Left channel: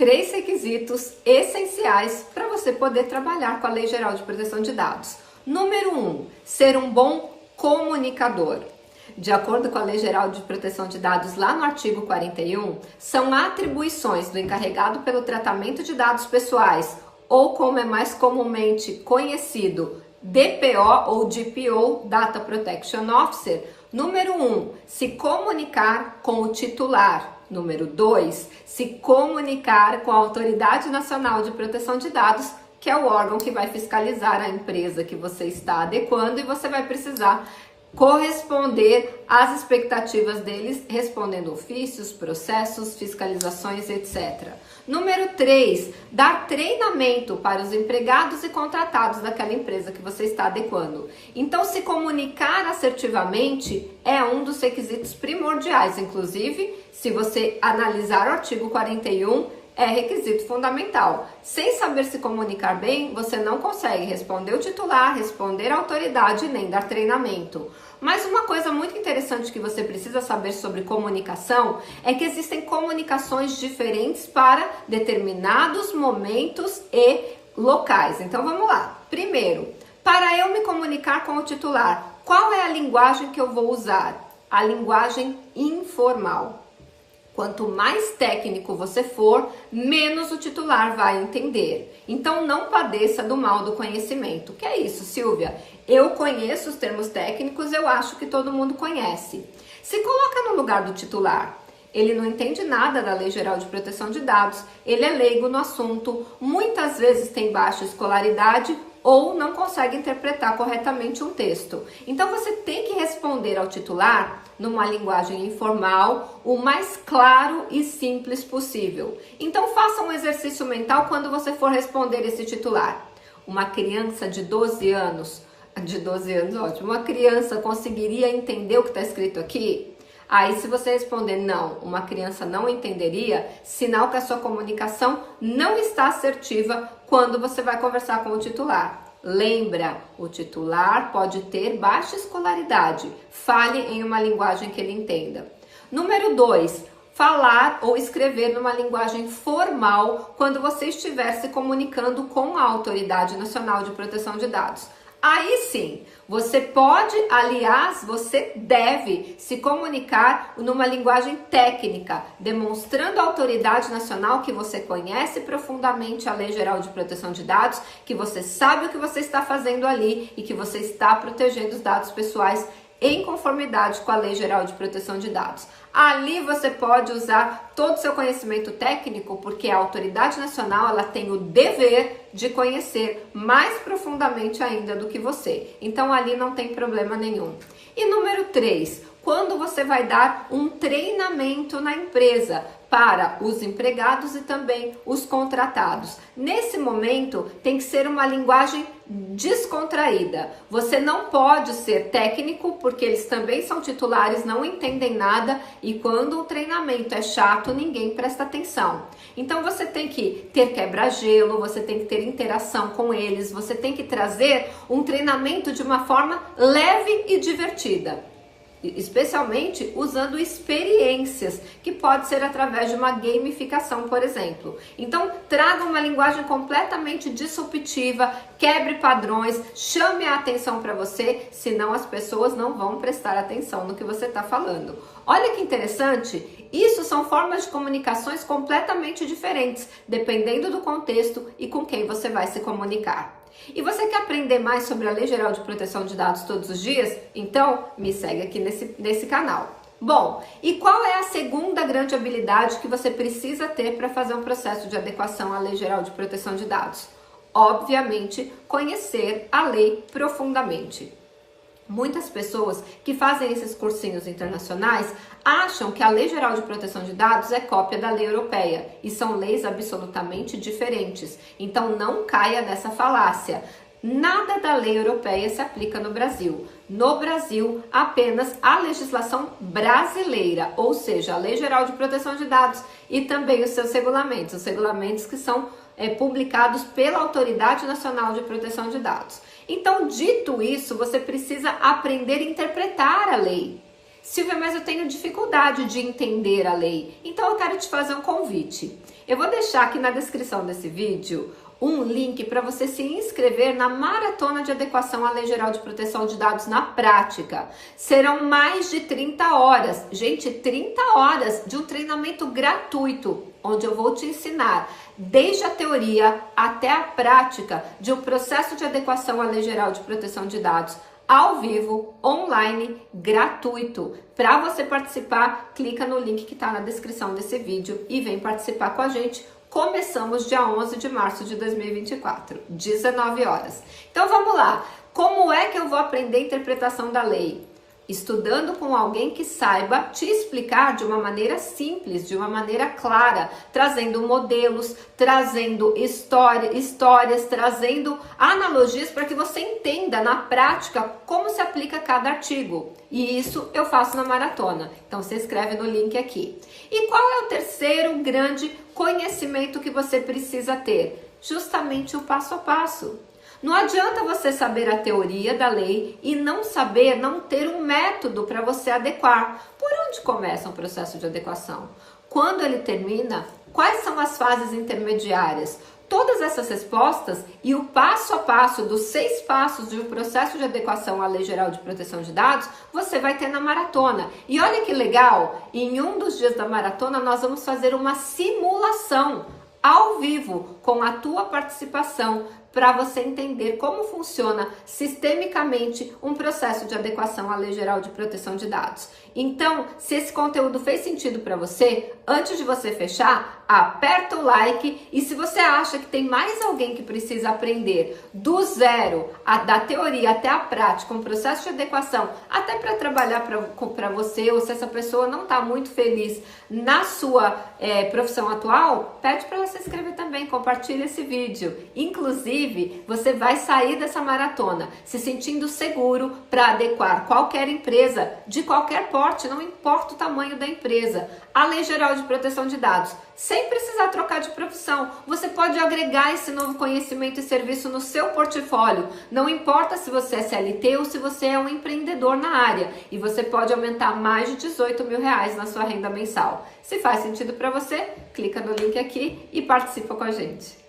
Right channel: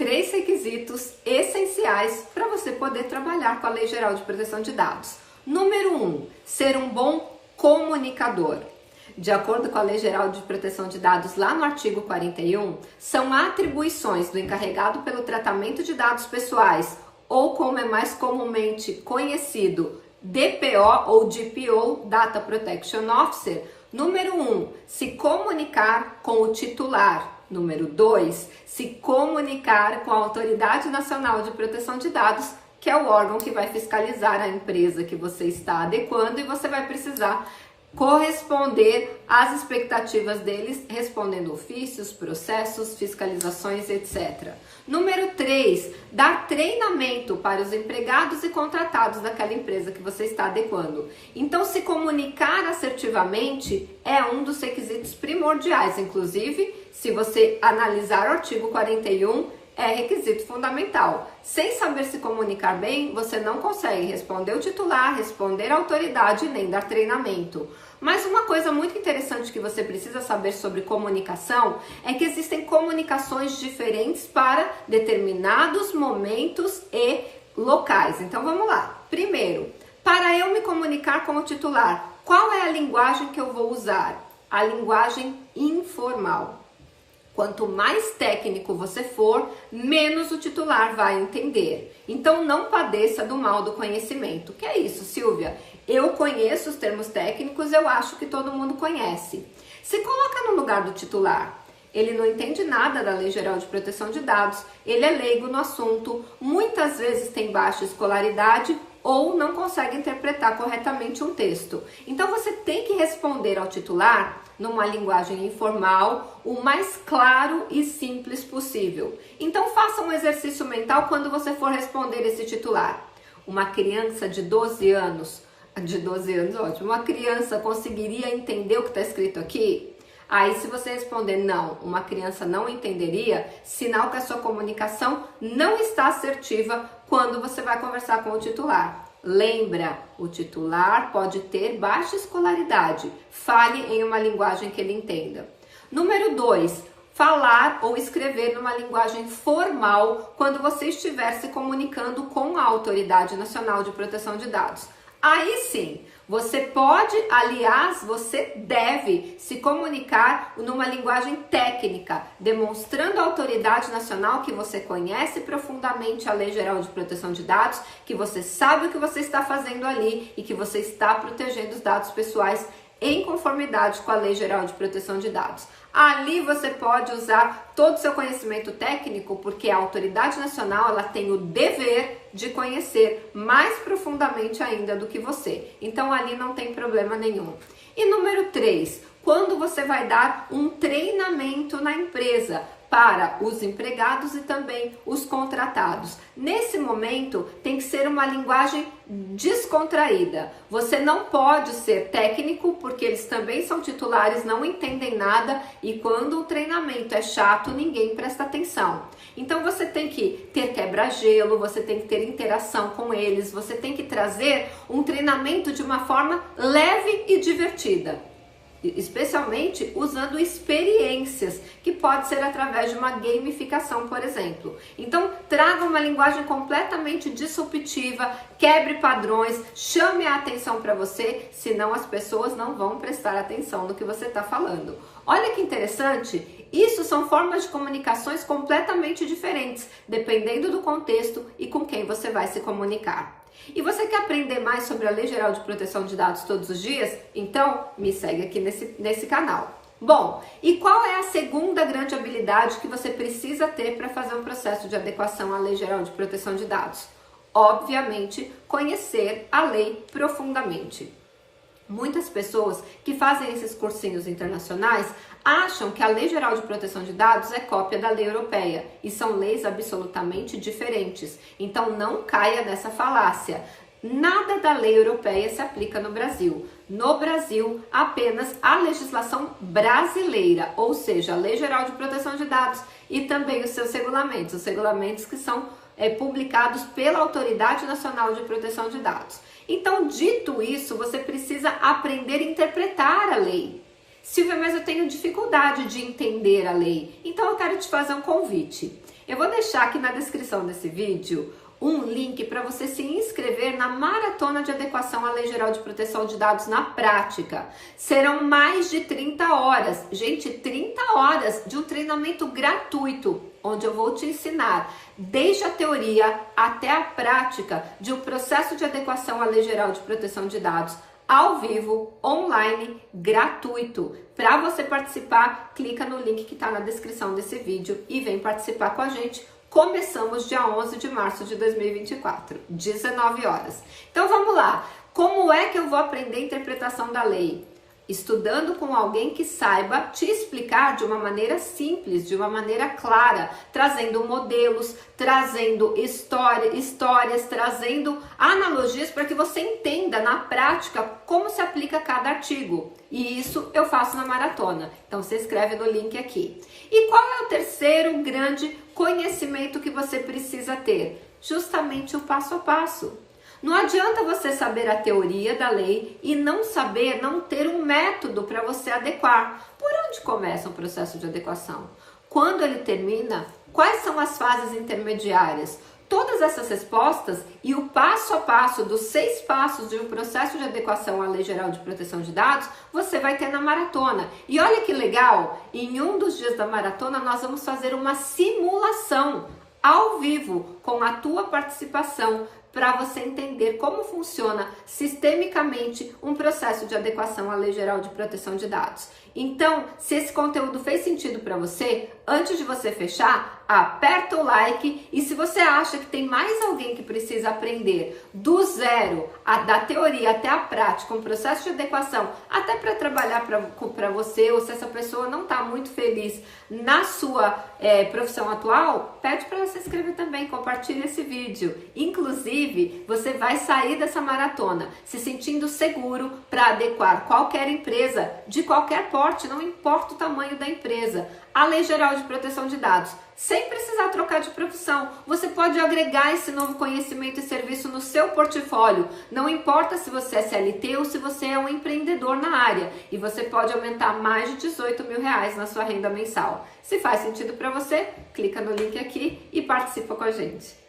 3 requisitos essenciais para você poder trabalhar com a Lei Geral de Proteção de Dados. Número 1, ser um bom comunicador. De acordo com a Lei Geral de Proteção de Dados, lá no artigo 41, são atribuições do encarregado pelo tratamento de dados pessoais, ou como é mais comumente conhecido, DPO ou DPO, Data Protection Officer. Número 1, se comunicar com o titular. Número 2, se comunicar com a Autoridade Nacional de Proteção de Dados, que é o órgão que vai fiscalizar a empresa que você está adequando, e você vai precisar corresponder às expectativas deles, respondendo ofícios, processos, fiscalizações, etc. Número 3, dar treinamento para os empregados e contratados daquela empresa que você está adequando. Então, se comunicar assertivamente é um dos requisitos primordiais. Inclusive, se você analisar o artigo 41, é requisito fundamental. Sem saber se comunicar bem, você não consegue responder o titular, responder a autoridade, nem dar treinamento. Mas uma coisa muito interessante que você precisa saber sobre comunicação é que existem comunicações diferentes para determinados momentos e locais. Então vamos lá. Primeiro, para eu me comunicar com o titular, qual é a linguagem que eu vou usar? A linguagem informal. Quanto mais técnico você for, menos o titular vai entender. Então, não padeça do mal do conhecimento. Que é isso, Silvia? Eu conheço os termos técnicos, eu acho que todo mundo conhece. Se coloca no lugar do titular. Ele não entende nada da Lei Geral de Proteção de Dados, ele é leigo no assunto, muitas vezes tem baixa escolaridade ou não consegue interpretar corretamente um texto. Então, você tem que responder ao titular numa linguagem informal, o mais claro e simples possível. Então, faça um exercício mental quando você for responder esse titular. Uma criança de 12 anos, ótimo, uma criança conseguiria entender o que está escrito aqui? Aí, se você responder não, uma criança não entenderia, sinal que a sua comunicação não está assertiva quando você vai conversar com o titular. Lembra, o titular pode ter baixa escolaridade. Fale em uma linguagem que ele entenda. Número 2, falar ou escrever numa linguagem formal quando você estiver se comunicando com a Autoridade Nacional de Proteção de Dados. Aí sim, você pode, aliás, você deve se comunicar numa linguagem técnica, demonstrando à autoridade nacional que você conhece profundamente a Lei Geral de Proteção de Dados, que você sabe o que você está fazendo ali e que você está protegendo os dados pessoais em conformidade com a Lei Geral de Proteção de Dados. Ali você pode usar todo o seu conhecimento técnico, porque a autoridade nacional ela tem o dever de conhecer mais profundamente ainda do que você. Então ali não tem problema nenhum. E número 3, quando você vai dar um treinamento na empresa para os empregados e também os contratados. Nesse momento, tem que ser uma linguagem descontraída. Você não pode ser técnico, porque eles também são titulares, não entendem nada, e quando o treinamento é chato, ninguém presta atenção. Então, você tem que ter quebra-gelo, você tem que ter interação com eles, você tem que trazer um treinamento de uma forma leve e divertida. Especialmente usando experiências, que pode ser através de uma gamificação, por exemplo. Então, traga uma linguagem completamente disruptiva, quebre padrões, chame a atenção para você, senão as pessoas não vão prestar atenção no que você está falando. Olha que interessante, isso são formas de comunicações completamente diferentes, dependendo do contexto e com quem você vai se comunicar. E você quer aprender mais sobre a Lei Geral de Proteção de Dados todos os dias? Então, me segue aqui nesse canal. Bom, e qual é a segunda grande habilidade que você precisa ter para fazer um processo de adequação à Lei Geral de Proteção de Dados? Obviamente, conhecer a lei profundamente. Muitas pessoas que fazem esses cursinhos internacionais acham que a Lei Geral de Proteção de Dados é cópia da lei europeia e são leis absolutamente diferentes. Então não caia nessa falácia. Nada da lei europeia se aplica no Brasil. No Brasil, apenas a legislação brasileira, ou seja, a Lei Geral de Proteção de Dados e também os seus regulamentos, os regulamentos que são publicados pela Autoridade Nacional de Proteção de Dados. Então, dito isso, você precisa aprender a interpretar a lei. Silvia, mas eu tenho dificuldade de entender a lei. Então eu quero te fazer um convite. Eu vou deixar aqui na descrição desse vídeo um link para você se inscrever na Maratona de Adequação à Lei Geral de Proteção de Dados na prática. Serão mais de 30 horas, gente, 30 horas de um treinamento gratuito, onde eu vou te ensinar desde a teoria até a prática de um processo de adequação à Lei Geral de Proteção de Dados ao vivo, online, gratuito. Para você participar, clica no link que está na descrição desse vídeo e vem participar com a gente. Começamos dia 11 de março de 2024, 19 horas. Então vamos lá. Como é que eu vou aprender a interpretação da lei? Estudando com alguém que saiba te explicar de uma maneira simples, de uma maneira clara, trazendo modelos, trazendo histórias, trazendo analogias para que você entenda na prática como se aplica cada artigo. E isso eu faço na maratona. Então se inscreve no link aqui. E qual é o terceiro grande conhecimento que você precisa ter? Justamente o passo a passo. Não adianta você saber a teoria da lei e não ter um método para você adequar. Por onde começa um processo de adequação? Quando ele termina? Quais são as fases intermediárias? Todas essas respostas e o passo a passo dos 6 passos de um processo de adequação à Lei Geral de Proteção de Dados, você vai ter na maratona. E olha que legal, em um dos dias da maratona nós vamos fazer uma simulação ao vivo com a tua participação, para você entender como funciona sistemicamente um processo de adequação à Lei Geral de Proteção de Dados. Então, se esse conteúdo fez sentido para você, antes de você fechar, aperta o like, e se você acha que tem mais alguém que precisa aprender do zero, da teoria até a prática, um processo de adequação, até para trabalhar para você, ou se essa pessoa não está muito feliz na sua profissão atual, pede para ela se inscrever também, compartilha esse vídeo. Inclusive, você vai sair dessa maratona se sentindo seguro para adequar qualquer empresa, de qualquer porte, não importa o tamanho da empresa, à Lei Geral de Proteção de Dados, sem precisar trocar de profissão. Você pode agregar esse novo conhecimento e serviço no seu portfólio, não importa se você é CLT ou se você é um empreendedor na área, e você pode aumentar mais de 18 mil reais na sua renda mensal. Se faz sentido para você, clica no link aqui e participa com a gente.